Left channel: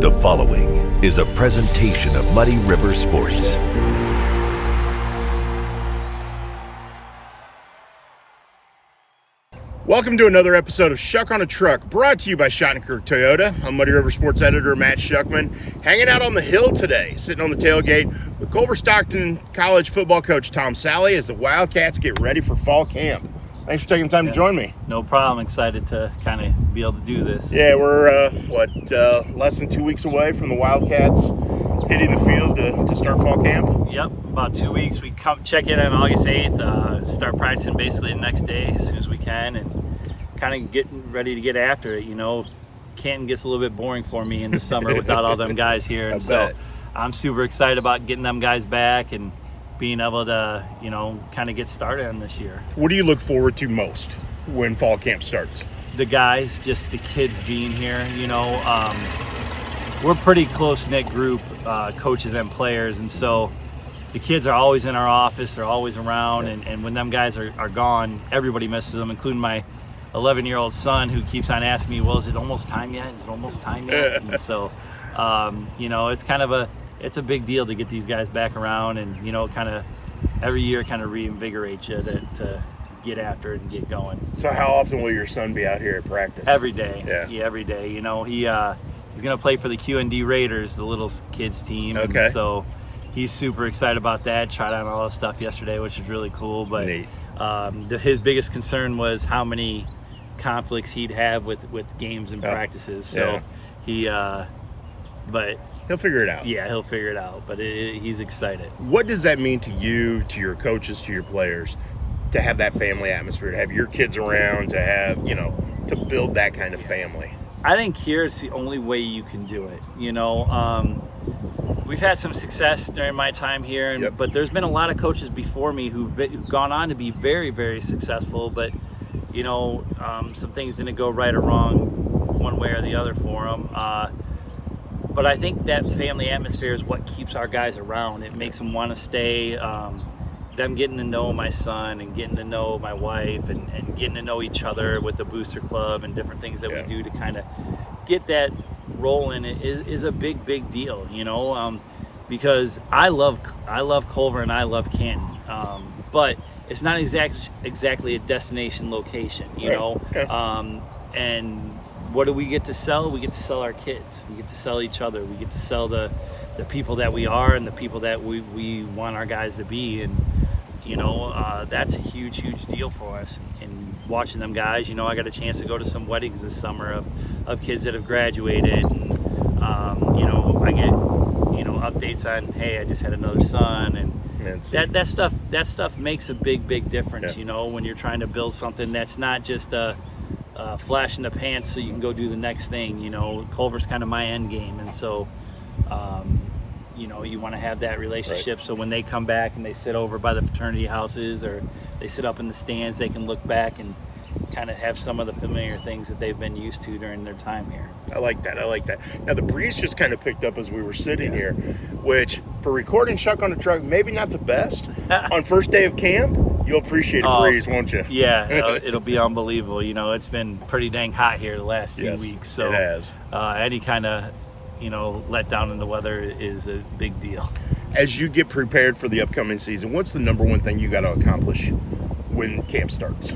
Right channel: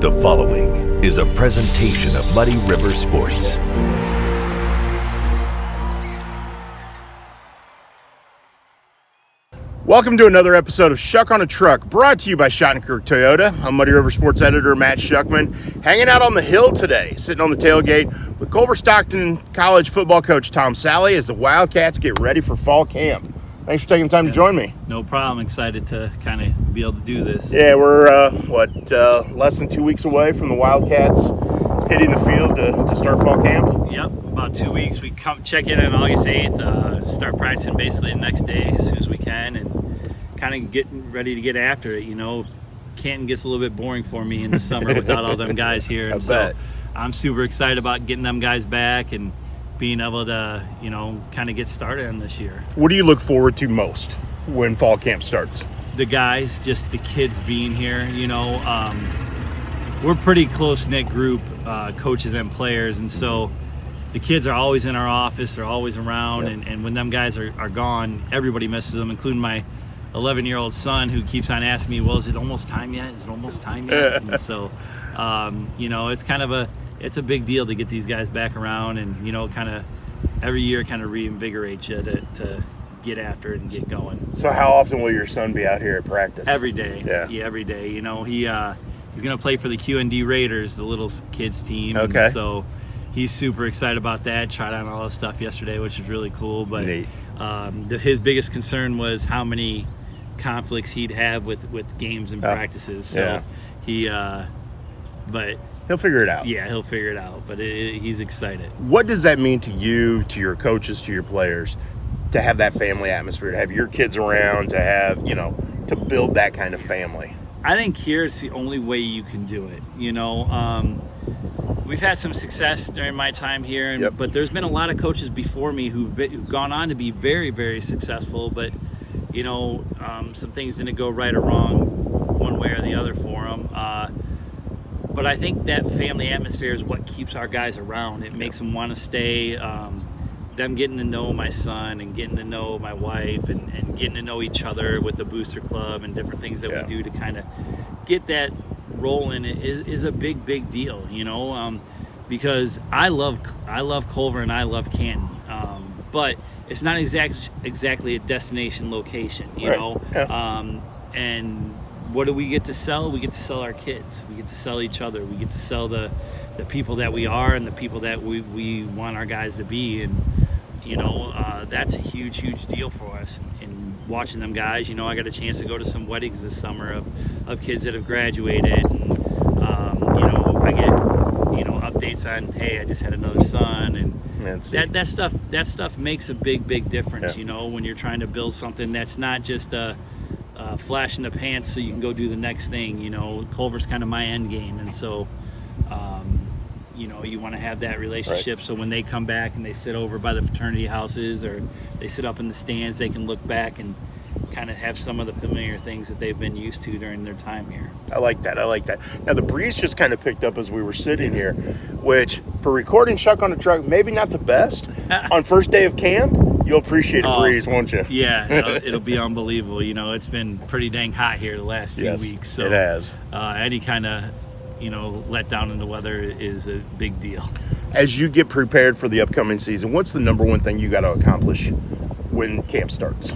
The following is a presentation of Muddy River Sports. Welcome to another episode of Schuck on a Truck, brought to you by Shottenkirk Toyota. I'm Muddy River Sports editor Matt Schuckman, hanging out on the hill today, sitting on the tailgate with Culver-Stockton College football coach Tom Sallay as the Wildcats get ready for fall camp. Thanks for taking the time to join me. No problem. Excited to kind of be able to do this. Yeah, we're, less than 2 weeks away from the Wildcats hitting the field to start fall camp? Yep, about 2 weeks. We come check in on August 8th, start practicing basically the next day as soon as we can, and kind of getting ready to get after it. You know, Canton gets a little bit boring for me in the summer without all them guys here, and so I'm super excited about getting them guys back and being able to, you know, kind of get started on this year. What do you look forward to most when fall camp starts? The guys, just the kids being here. You know, we're a pretty close-knit group, coaches and players, and so the kids are always in our office, they're always around, and when them guys are gone, everybody misses them, including my 11-year-old son, who keeps on asking me, well, is it almost time yet? Is it almost time yet? And so, you know, it's kind of it's a big deal to get these guys back around, and, you know, kind of every year kind of reinvigorates you to get after it and get going. So how often will your son be out here at practice? Every day. Yeah, every day. You know, he's going to play for the Q&D Raiders, the little kids team. Okay. And so he's super excited about that. Tried on all the stuff yesterday, which is really cool. But his biggest concern was how many conflicts he'd have with games and practices. So but he'll figure it out. Yeah, he'll figure it out. But he's excited. What does that mean to you, to your coaches, to your players, to have that family atmosphere, to have your kids around, to have, you know, to build that kind of family? I think here it's the only way you can do it. You know, we've had some success during my time here, but there's been a lot of coaches before me who've gone on to be very, very successful. But, you know, some things didn't go right or wrong one way or the other for them. But I think that family atmosphere is what keeps our guys around. It makes them want to stay. Them getting to know my son and getting to know my wife and getting to know each other with the booster club and different things that we do to kind of get that rolling is a big deal, you know, because I love Culver and I love Canton, but it's not exactly a destination location, you know. And what do we get to sell? We get to sell our kids. We get to sell each other. We get to sell the people that we are and the people that we want our guys to be. And, you know, that's a huge deal for us. And watching them guys, you know, I got a chance to go to some weddings this summer of kids that have graduated. And, you know, I get, you know, updates on, hey, I just had another son. And that stuff makes a big difference, you know, when you're trying to build something that's not just a flash in the pants so you can go do the next thing. You know, Culver's kind of my end game. And so, you know, you want to have that relationship so when they come back and they sit over by the fraternity houses or they sit up in the stands, they can look back and kind of have some of the familiar things that they've been used to during their time here. I like that. Now, the breeze just kind of picked up as we were sitting here, which for recording Schuck on a Truck, maybe not the best. On first day of camp, you'll appreciate a breeze, won't you? Yeah, it'll be unbelievable. You know, it's been pretty dang hot here the last few weeks. So it has. Any kind of, you know, let down in the weather is a big deal. As you get prepared for the upcoming season, what's the number one thing you got to accomplish when camp starts?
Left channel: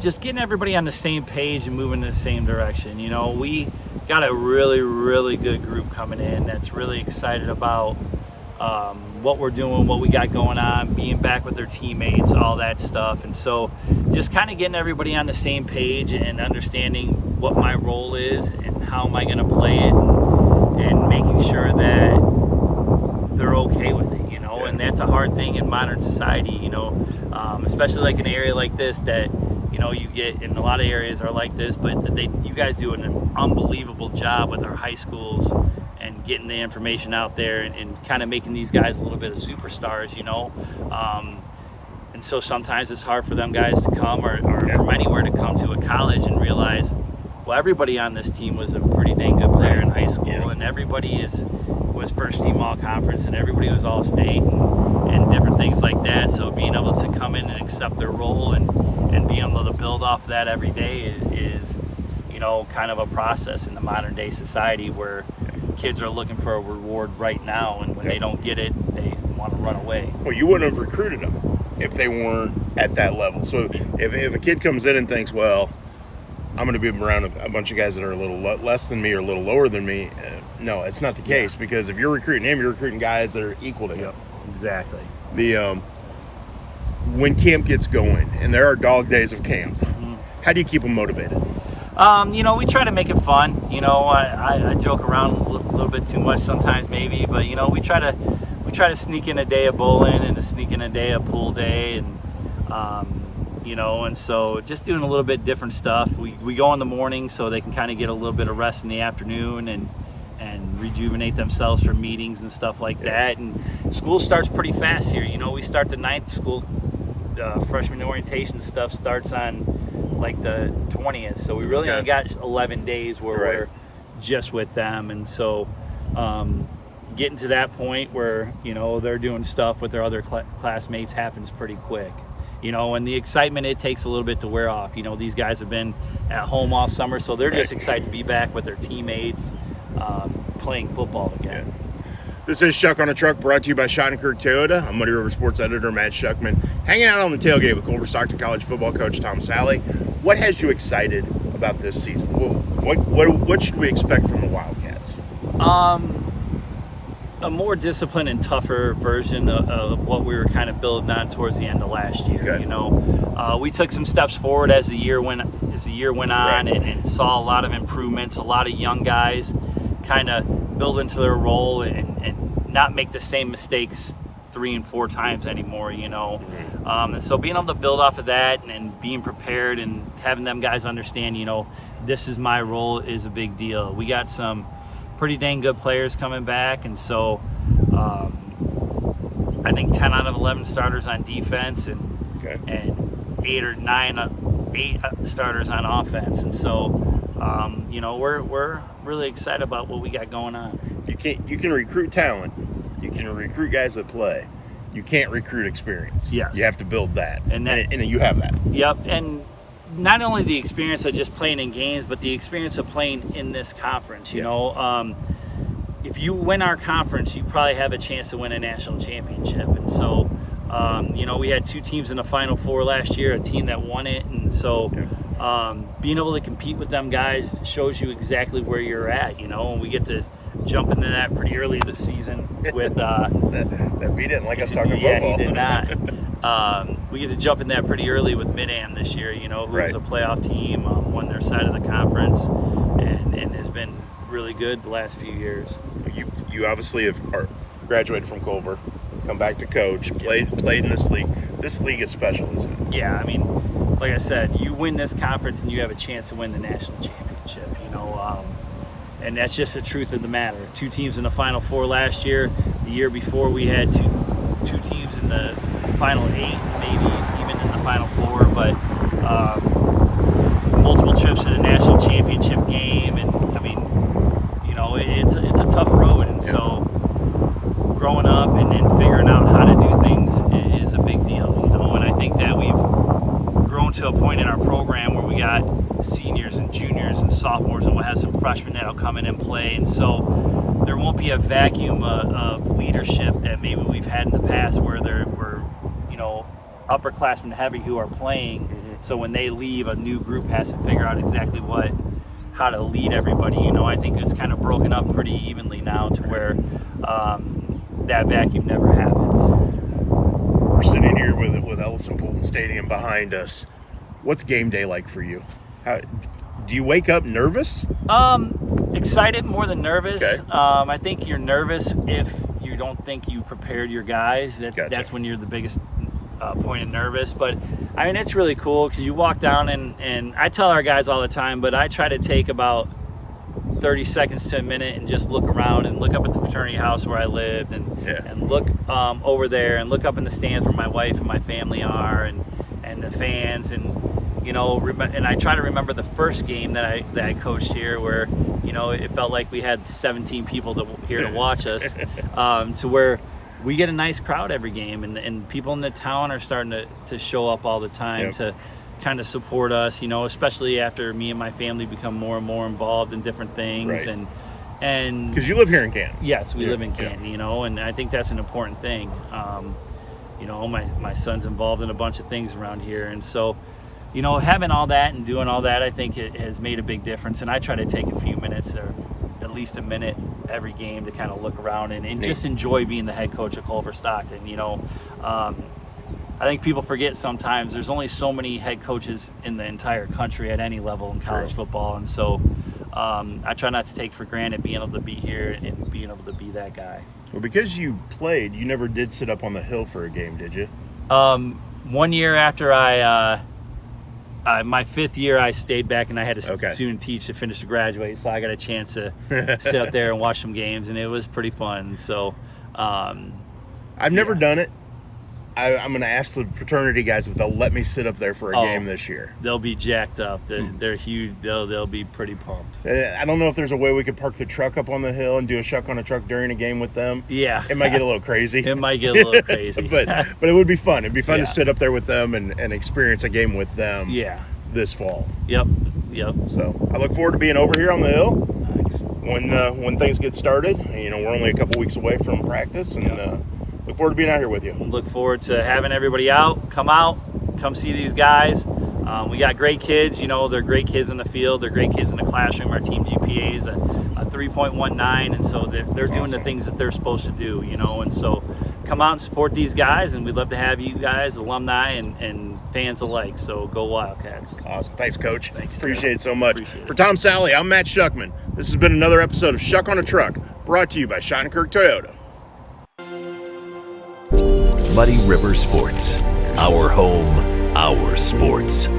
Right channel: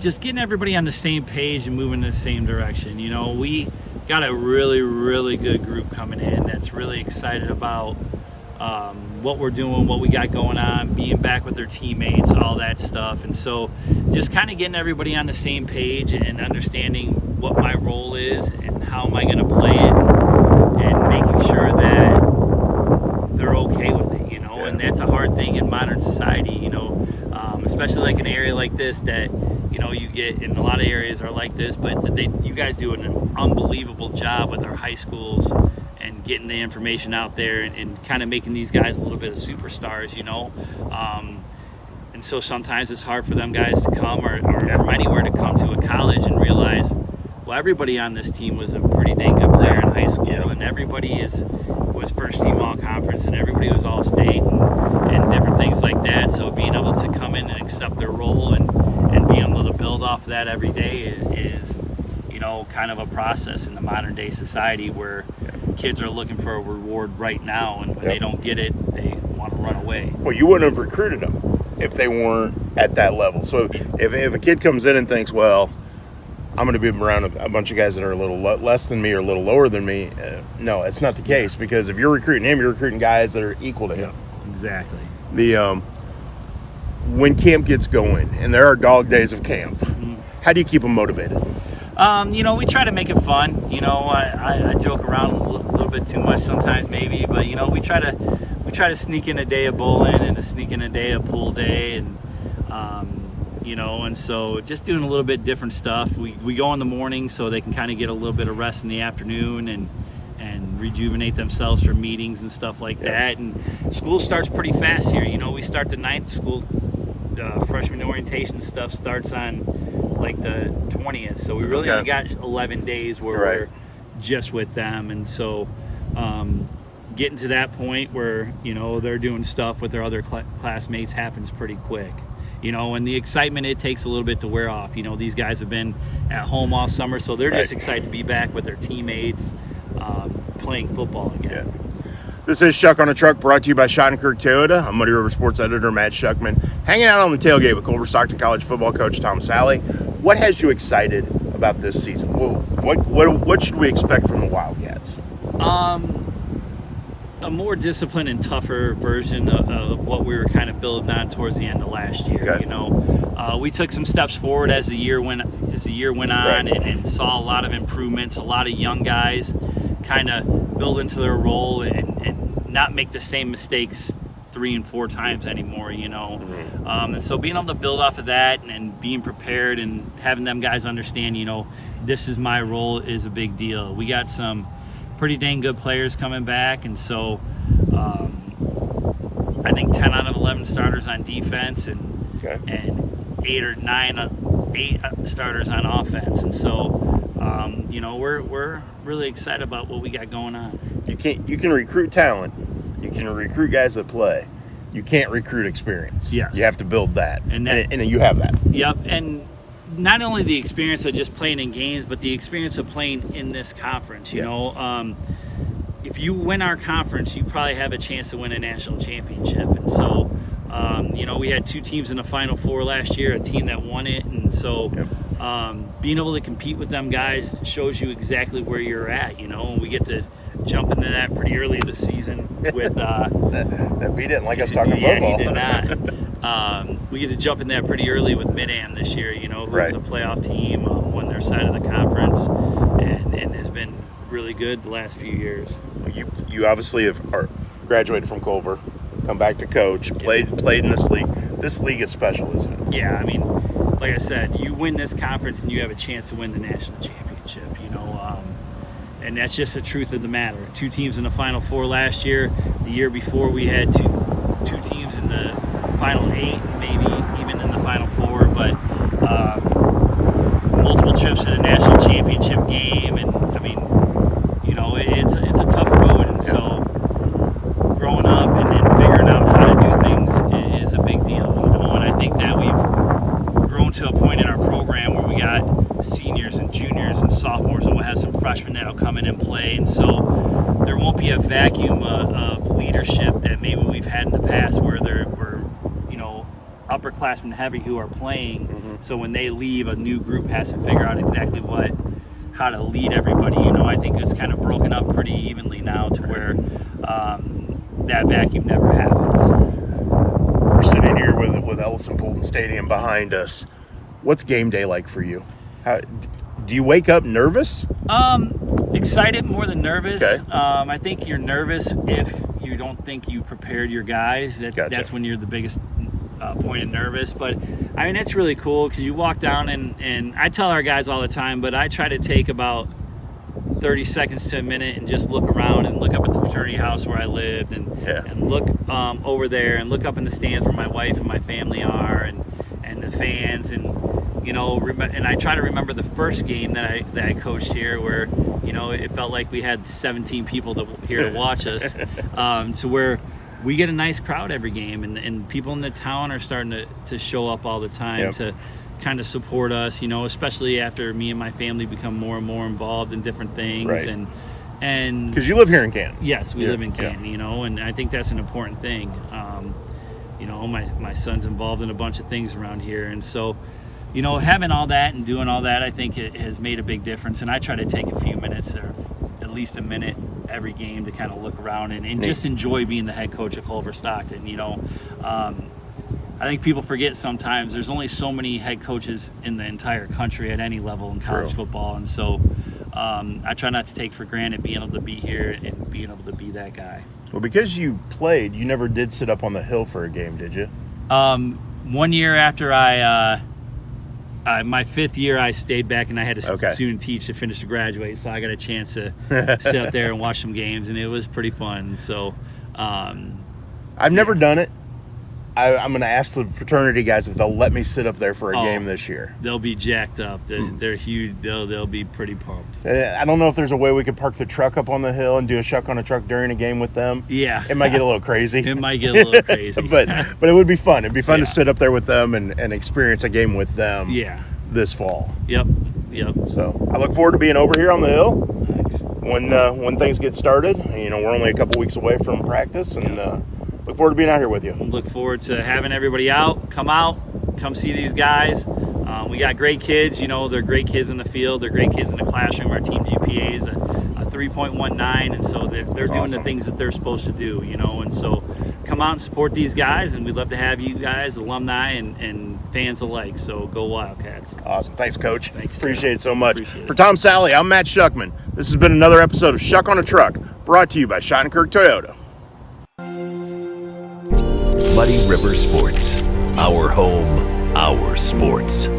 Just getting everybody on the same page and moving in the same direction. You know, we got a really good group coming in that's really excited about what we're doing, what we got going on, being back with their teammates, all that stuff. And so just kind of getting everybody on the same page and understanding what my role is and how am I going to play it and making sure that they're okay with it, you know. And that's a hard thing in modern society, you know, especially like an area like this that, you know, you get in a lot of areas are like this, but you guys do an unbelievable job with our high schools and getting the information out there and kind of making these guys a little bit of superstars, you know. And so sometimes it's hard for them guys to come or from anywhere to come to a college and realize, well, everybody on this team was a pretty dang good player in high school, and everybody was first team all conference, and everybody was all state and different things like that. So being able to come in and accept their role and being able to build off of that every day is, you know, kind of a process in the modern day society where kids are looking for a reward right now, and when they don't get it, they want to run away. Well, you wouldn't have recruited them if they weren't at that level. So if a kid comes in and thinks, well, I'm going to be around a bunch of guys that are a little less than me or a little lower than me, no, it's not the case, because if you're recruiting him, you're recruiting guys that are equal to him. Exactly. When camp gets going, and there are dog days of camp, how do you keep them motivated? We try to make it fun. I joke around a little bit too much sometimes, maybe, but we try to sneak in a day of bowling and to sneak in a day of pool day, and and so just doing a little bit different stuff. We go in the morning so they can kind of get a little bit of rest in the afternoon and rejuvenate themselves for meetings and stuff like that. And school starts pretty fast here. We start the 9th. School freshman orientation stuff starts on like the 20th, so we really only got 11 days where we're just with them. And so getting to that point where they're doing stuff with their other classmates happens pretty quick. And the excitement, it takes a little bit to wear off. These guys have been at home all summer, so they're just excited to be back with their teammates, playing football again. This is Schuck on a Truck, brought to you by Shottenkirk Toyota. I'm Muddy River Sports Editor Matt Schuckman, hanging out on the tailgate with Culver-Stockton College football coach Tom Sallay. What has you excited about this season? What should we expect from the Wildcats? A more disciplined and tougher version of what we were kind of building on towards the end of last year. Okay. We took some steps forward as the year went on, and saw a lot of improvements. A lot of young guys kind of build into their role and not make the same mistakes 3 and 4 times anymore. And so being able to build off of that and being prepared and having them guys understand, this is my role is a big deal. We got some pretty dang good players coming back, and so I think 10 out of 11 starters on defense and 8 or 9 starters on offense, and so we're really excited about what we got going on. You can recruit talent, you can recruit guys that play. You can't recruit experience. Yes. You have to build that, and you have that. Yep, and not only the experience of just playing in games, but the experience of playing in this conference. If you win our conference, you probably have a chance to win a national championship. And so, we had 2 teams in the Final Four last year, a team that won it. And so being able to compete with them guys shows you exactly where you're at, and we get to jump into that pretty early this season with he didn't like us talking yeah, football. He did not. We get to jump in that pretty early with Mid-Am this year, who's a playoff team, won their side of the conference, and has been really good the last few years. You obviously are graduated from Culver, come back to coach, played in this league. This league is special, isn't it? Yeah, I mean, like I said, you win this conference and you have a chance to win the national championship, and that's just the truth of the matter. 2 teams in the Final Four last year. The year before we had two teams in the Final 8, maybe even in the Final 4, but multiple trips to the national championship game, and I mean, it's a tough road, and so growing up and figuring out how to do things is a big deal, and I think that we've grown to a point in our program where we got seniors and juniors and sophomores, and we'll have some freshmen that'll come in and play, and so there won't be a vacuum of leadership that maybe we've had in the past where there were upperclassmen heavy who are playing. So when they leave, a new group has to figure out exactly how to lead everybody. I think it's kind of broken up pretty evenly now to where that vacuum never happens. We're sitting here with Ellison Polton Stadium behind us. What's game day like for you? Do you wake up nervous? Excited more than nervous. Okay. I think you're nervous if you don't think you prepared your guys. Gotcha. That's when you're the biggest point of nervous. But I mean, it's really cool because you walk down and I tell our guys all the time, but I try to take about 30 seconds to a minute and just look around and look up at the fraternity house where I lived and look over there and look up in the stands where my wife and my family are and the fans and I try to remember the first game that I coached here where it felt like we had 17 people here to watch us, to where we get a nice crowd every game, and people in the town are starting to show up all the time to kind of support us, especially after me and my family become more and more involved in different things, And because you live here in Canton. Yes, we live in Canton, you know, and I think that's an important thing. You know, my son's involved in a bunch of things around here, and so, you know, having all that and doing all that, I think it has made a big difference. And I try to take a few minutes, or at least a minute every game, to kind of look around and just enjoy being the head coach of Culver-Stockton. You know, I think people forget sometimes there's only so many head coaches in the entire country at any level in college football, and so I try not to take for granted being able to be here and being able to be that guy. Well, because you played, you never did sit up on the hill for a game, did you? 1 year after my 5th year, I stayed back and I had to student teach to finish to graduate, so I got a chance to sit up there and watch some games, and it was pretty fun. So I've never done it. I'm going to ask the fraternity guys if they'll let me sit up there for a game this year. They'll be jacked up. They're huge. They'll be pretty pumped. I don't know if there's a way we could park the truck up on the hill and do a Schuck on a truck during a game with them. Yeah. It might get a little crazy. It might get a little crazy. but it would be fun. It'd be fun to sit up there with them and experience a game with them this fall. Yep. So I look forward to being over here on the hill. Nice. When things get started. You know, we're only a couple weeks away from practice, and look forward to being out here with you. Look forward to having everybody out. Come see these guys. We got great kids. You know, they're great kids in the field. They're great kids in the classroom. Our team GPA is a 3.19, and so they're doing the things that they're supposed to do, you know. And so come out and support these guys, and we'd love to have you guys, alumni and fans alike. So go Wildcats. Awesome. Thanks, Coach. Thank you, Appreciate it so much. Appreciate it. For Tom Sallay, I'm Matt Schuckman. This has been another episode of Schuck on a Truck, brought to you by Shottenkirk Toyota. Muddy River Sports. Our home, our sports.